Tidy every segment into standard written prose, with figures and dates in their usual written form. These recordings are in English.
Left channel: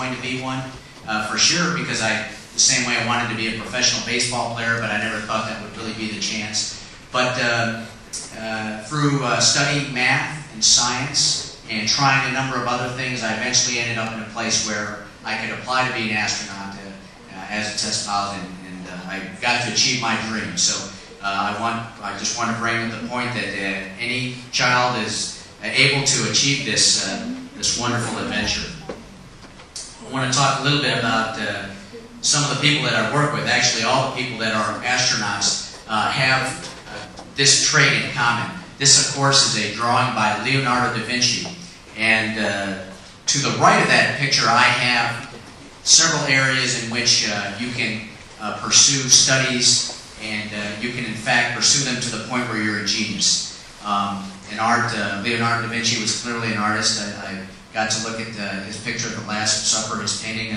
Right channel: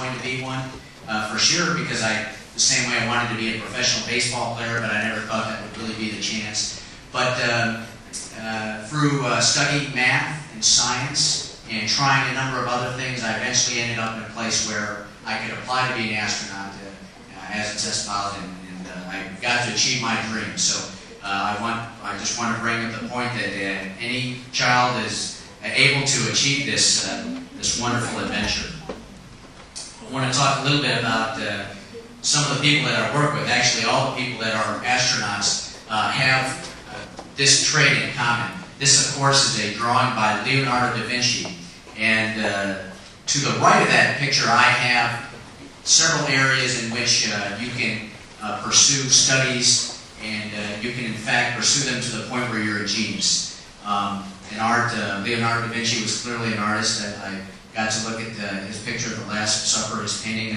going to be one for sure, because the same way I wanted to be a professional baseball player, but I never thought that would really be the chance. But through studying math and science and trying a number of other things, I eventually ended up in a place where I could apply to be an astronaut as a test pilot, and I got to achieve my dream. So I just want to bring up the point that any child is able to achieve this this wonderful adventure. I want to talk a little bit about some of the people that I work with. Actually, all the people that are astronauts have this trait in common. This, of course, is a drawing by Leonardo da Vinci. And to the right of that picture, I have several areas in which you can pursue studies, and you can, in fact, pursue them to the point where you're a genius. In art, Leonardo da Vinci was clearly an artist. I got to look at his picture at the Last Supper, his painting,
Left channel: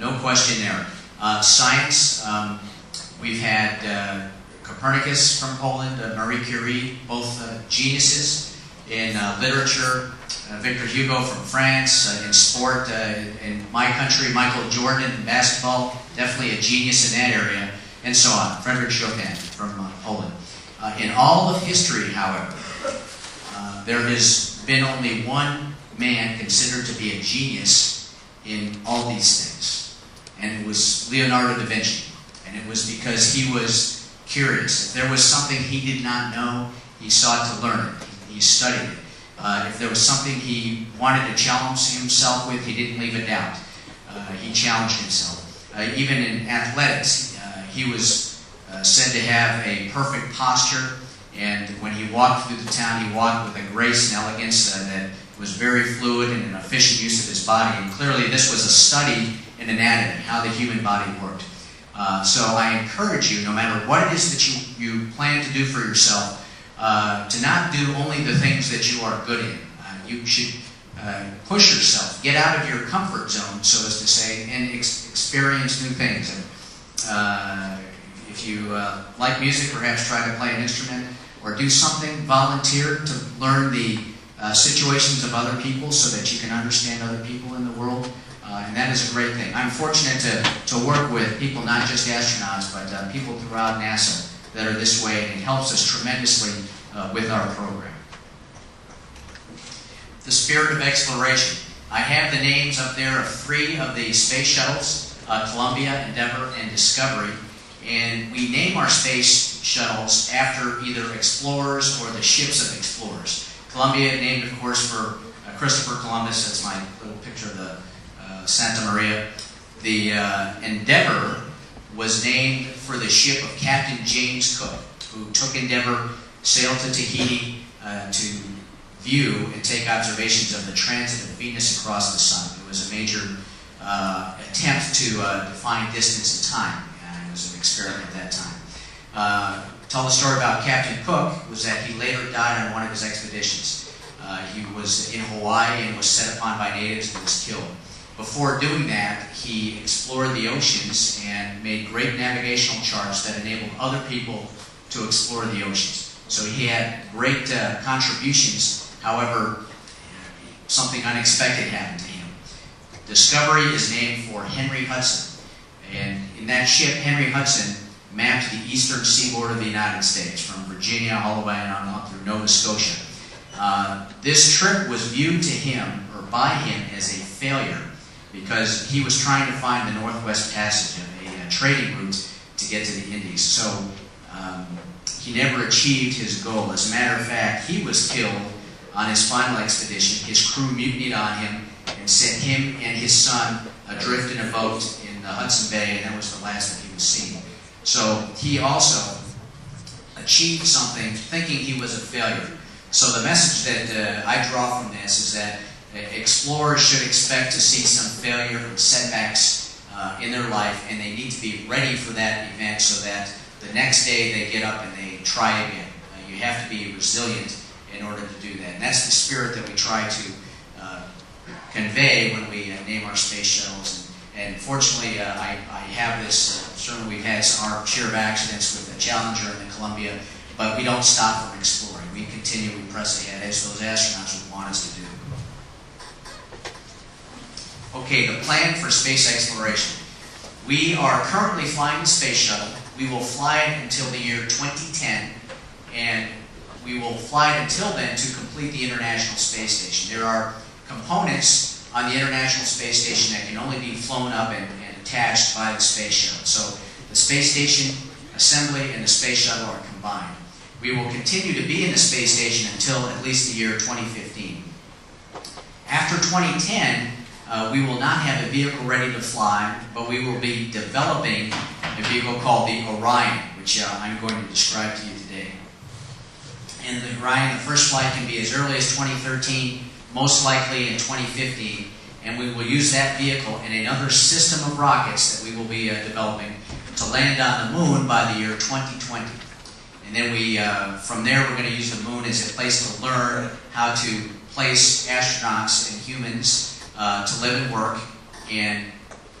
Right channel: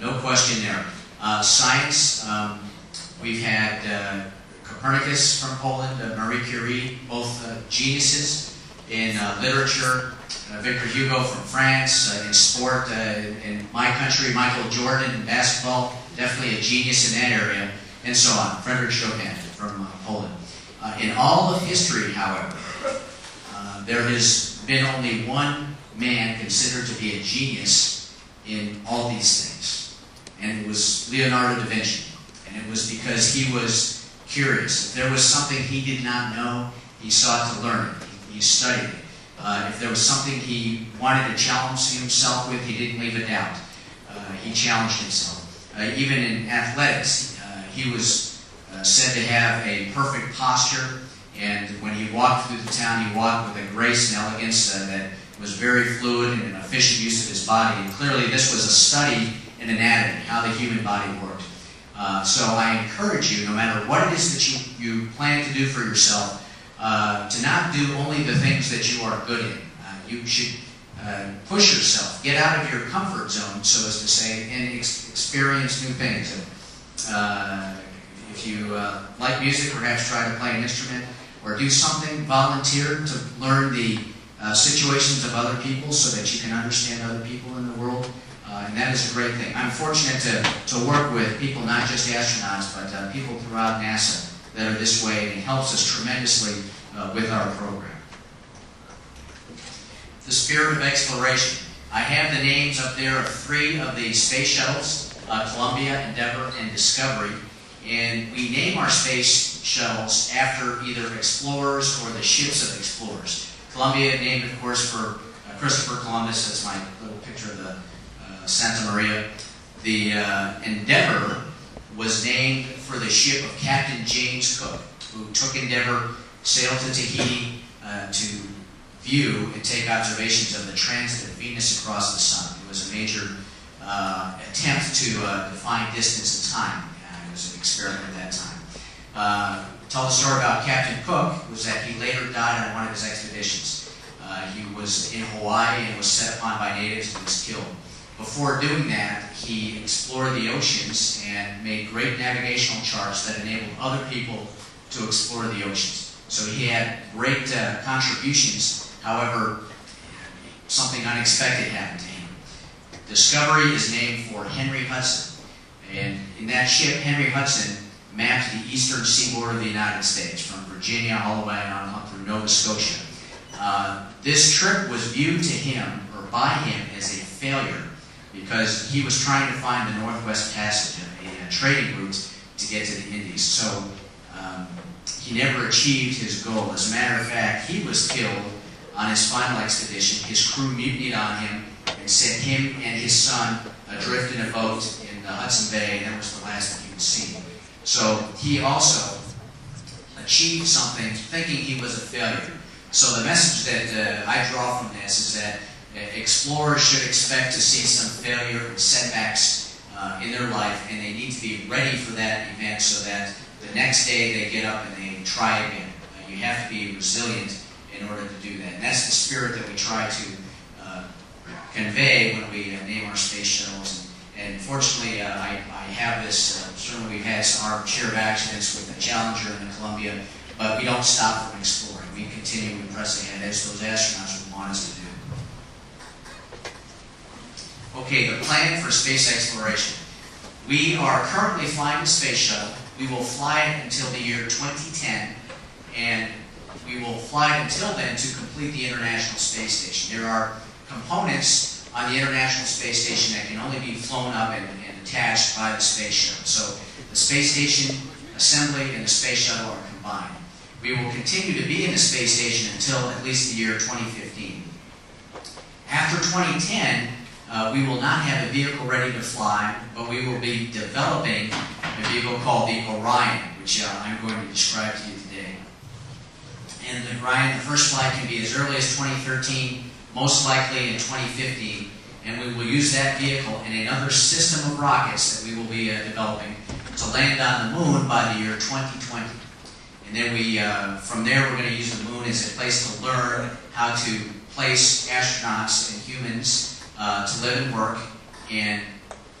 no question there. Science, we've had Copernicus from Poland, Marie Curie, both geniuses. In literature, Victor Hugo from France. In sport, in my country, Michael Jordan in basketball, definitely a genius in that area, and so on. Frederick Chopin from Poland. In all of history, however, there has been only one man considered to be a genius in all these things, and it was Leonardo da Vinci. And it was because he was curious. If there was something he did not know, he sought to learn. He studied it. If there was something he wanted to challenge himself with, he didn't leave a doubt. He challenged himself. Even in athletics, he was said to have a perfect posture, and when he walked through the town, he walked with a grace and elegance that was very fluid and an efficient use of his body. And clearly this was a study in anatomy, how the human body worked. So I encourage you, no matter what it is that you plan to do for yourself, to not do only the things that you are good in. You should push yourself, get out of your comfort zone, so as to say, and experience new things. If you like music, perhaps try to play an instrument, or do something, volunteer to learn the situations of other people so that you can understand other people in the world. And that is a great thing. I'm fortunate to work with people, not just astronauts, but people throughout NASA that are this way, and it helps us tremendously with our program. The spirit of exploration. I have the names up there of 3 of the space shuttles, Columbia, Endeavour, and Discovery. And we name our space shuttles after either explorers or the ships of explorers. Columbia named, of course, for Christopher Columbus. That's my little picture of the Santa Maria. The Endeavour was named for the ship of Captain James Cook, who took Endeavour, sailed to Tahiti to view and take observations of the transit of Venus across the sun. It was a major attempt to define distance and time. It was an experiment at that time. Tell the story about Captain Cook was that he later died on one of his expeditions. He was in Hawaii and was set upon by natives and was killed. Before doing that, he explored the oceans and made great navigational charts that enabled other people to explore the oceans. So he had great contributions. However, something unexpected happened to him. Discovery is named for Henry Hudson. And in that ship, Henry Hudson mapped the eastern seaboard of the United States, from Virginia all the way on up through Nova Scotia. This trip was viewed to him, or by him, as a failure, because he was trying to find the Northwest Passage, a trading route to get to the Indies. So he never achieved his goal. As a matter of fact, he was killed on his final expedition. His crew mutinied on him and sent him and his son adrift in a boat in the Hudson Bay, and that was the last that he was seen. So he also achieved something thinking he was a failure. So the message that I draw from this is that explorers should expect to see some failure and setbacks in their life, and they need to be ready for that event so that the next day they get up and they try again. You have to be resilient in order to do that. And that's the spirit that we try to convey when we name our space shuttles. And fortunately, I have this. Certainly we've had our share of accidents with the Challenger and the Columbia, but we don't stop from exploring. We continue to press ahead, as those astronauts would want us to do. Okay, the plan for space exploration. We are currently flying the space shuttle. We will fly it until the year 2010, and we will fly it until then to complete the International Space Station. There are components on the International Space Station that can only be flown up and attached by the space shuttle. So the space station assembly and the space shuttle are combined. We will continue to be in the space station until at least the year 2015. After 2010, we will not have a vehicle ready to fly, but we will be developing a vehicle called the Orion, which I'm going to describe to you today. And the Orion, the first flight can be as early as 2013, most likely in 2015, and we will use that vehicle and another system of rockets that we will be developing to land on the moon by the year 2020. And then from there, we're going to use the moon as a place to learn how to place astronauts and humans to live and work, and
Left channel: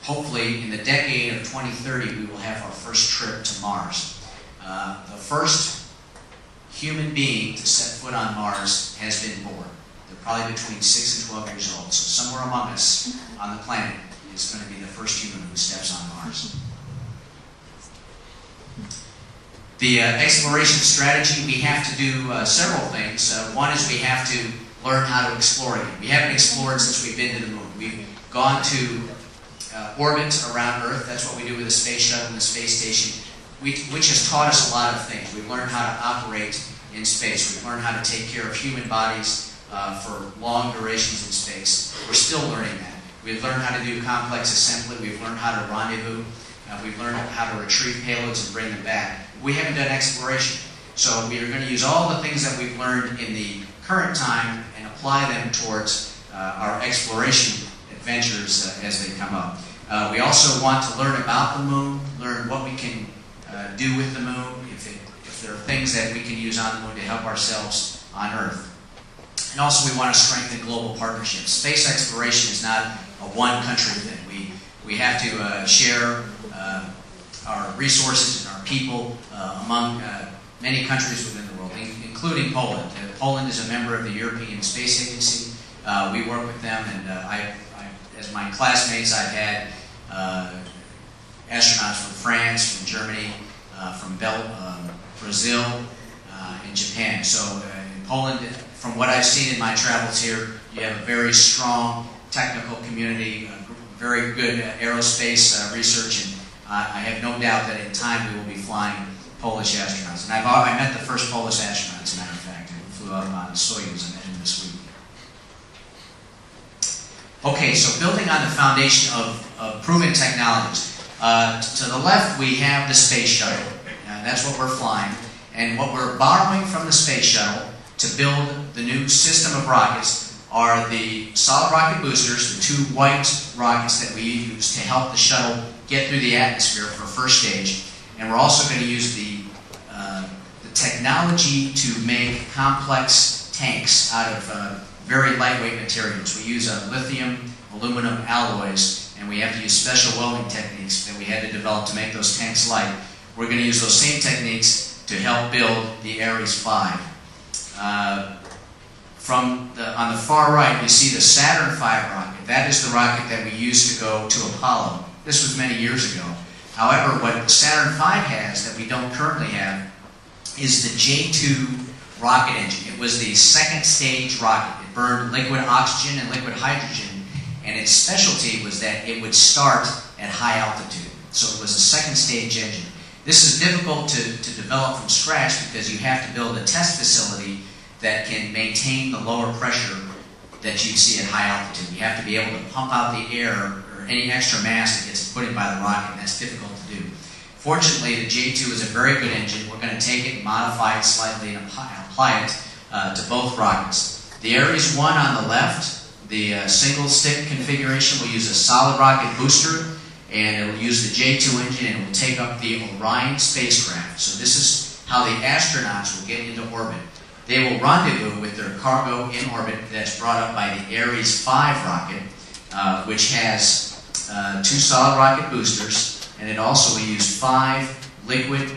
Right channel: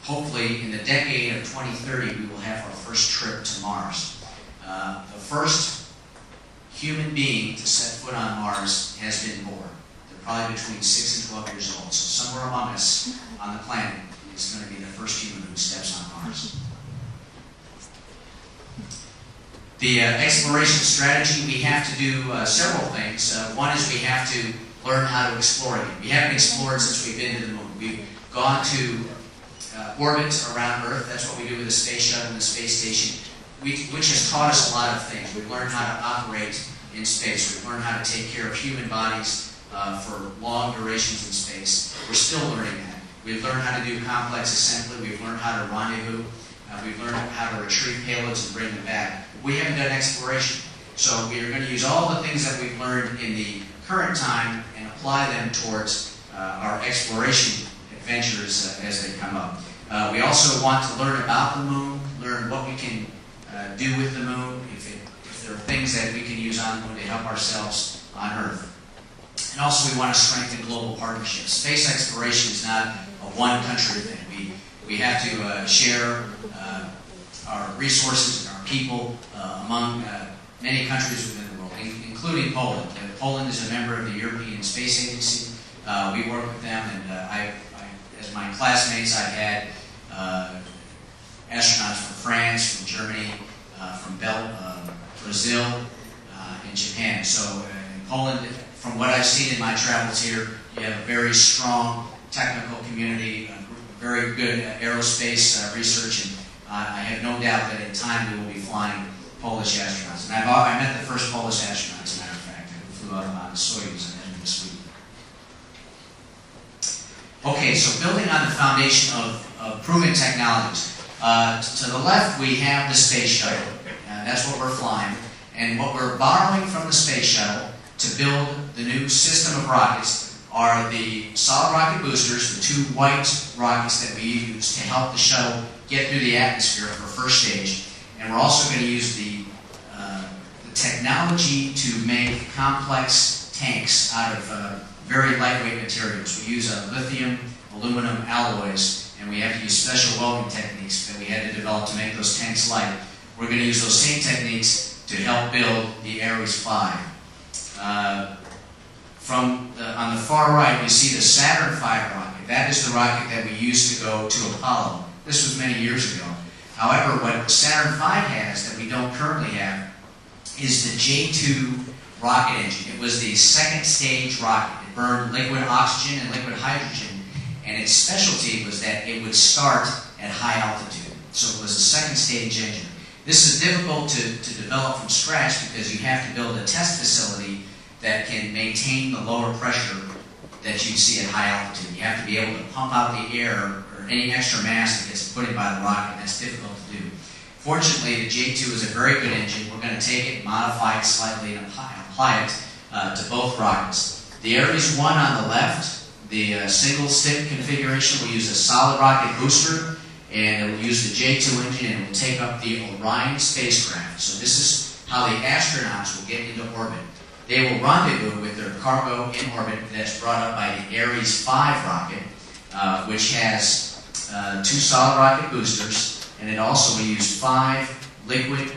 hopefully in the decade of 2030 we will have our first trip to Mars. The first human being to set foot on Mars has been born. They're probably between 6 and 12 years old, so somewhere among us on the planet is going to be the first human who steps on Mars. The exploration strategy, we have to do several things. One is we have to learn how to explore it. We haven't explored since we've been to the moon. We've gone to orbit around Earth. That's what we do with the space shuttle and the space station, which has taught us a lot of things. We've learned how to operate in space. We've learned how to take care of human bodies for long durations in space. We're still learning that. We've learned how to do complex assembly. We've learned how to rendezvous. We've learned how to retrieve payloads and bring them back. We haven't done exploration. So we are going to use all the things that we've learned in the current time and apply them towards our exploration adventures as they come up. We also want to learn about the moon, learn what we can do with the moon, if there are things that we can use on the moon to help ourselves on Earth. And also we want to strengthen global partnerships. Space exploration is not a one-country thing. We have to share our resources and our people among many countries within the world, including Poland. Poland is a member of the European Space Agency. We work with them, and as my classmates, I've had astronauts from France, from Germany, from Brazil, and Japan. So in Poland, from what I've seen in my travels here, you have a very strong technical community, very good aerospace research, and I have no doubt that in time we will be flying Polish astronauts. And I met the first Polish astronaut, as a matter of fact, who flew out on Soyuz at the end of this week. Okay, so building on the foundation of proven technologies. To the left, we have the space shuttle. That's what we're flying. And what we're borrowing from the space shuttle to build the new system of rockets are the solid rocket boosters, the two white rockets that we use to help the shuttle get through the atmosphere for first stage. And we're also going to use the technology to make complex tanks out of very lightweight materials. We use lithium, aluminum alloys, and we have to use special welding techniques that we had to develop to make those tanks light. We're going to use those same techniques to help build the Ares 5. On the far right, we see the Saturn V rocket. That is the rocket that we used to go to Apollo. This was many years ago. However, what Saturn V has that we don't currently have is the J2 rocket engine. It was the second stage rocket. It burned liquid oxygen and liquid hydrogen, and its specialty was that it would start at high altitude. So it was a second stage engine. This is difficult to develop from scratch because you have to build a test facility that can maintain the lower pressure that you'd see at high altitude. You have to be able to pump out the air or any extra mass that gets put in by the rocket. That's difficult to do. Fortunately, the J2 is a very good engine. We're going to take it, modify it slightly, and apply it to both rockets. The Ares 1 on the left, the single-stick configuration, will use a solid rocket booster, and it will use the J2 engine, and it will take up the Orion spacecraft. So this is how the astronauts will get into orbit. They will rendezvous with their cargo in orbit that's brought up by the Ares 5 rocket, which has two solid rocket boosters, and it also will use 5 liquid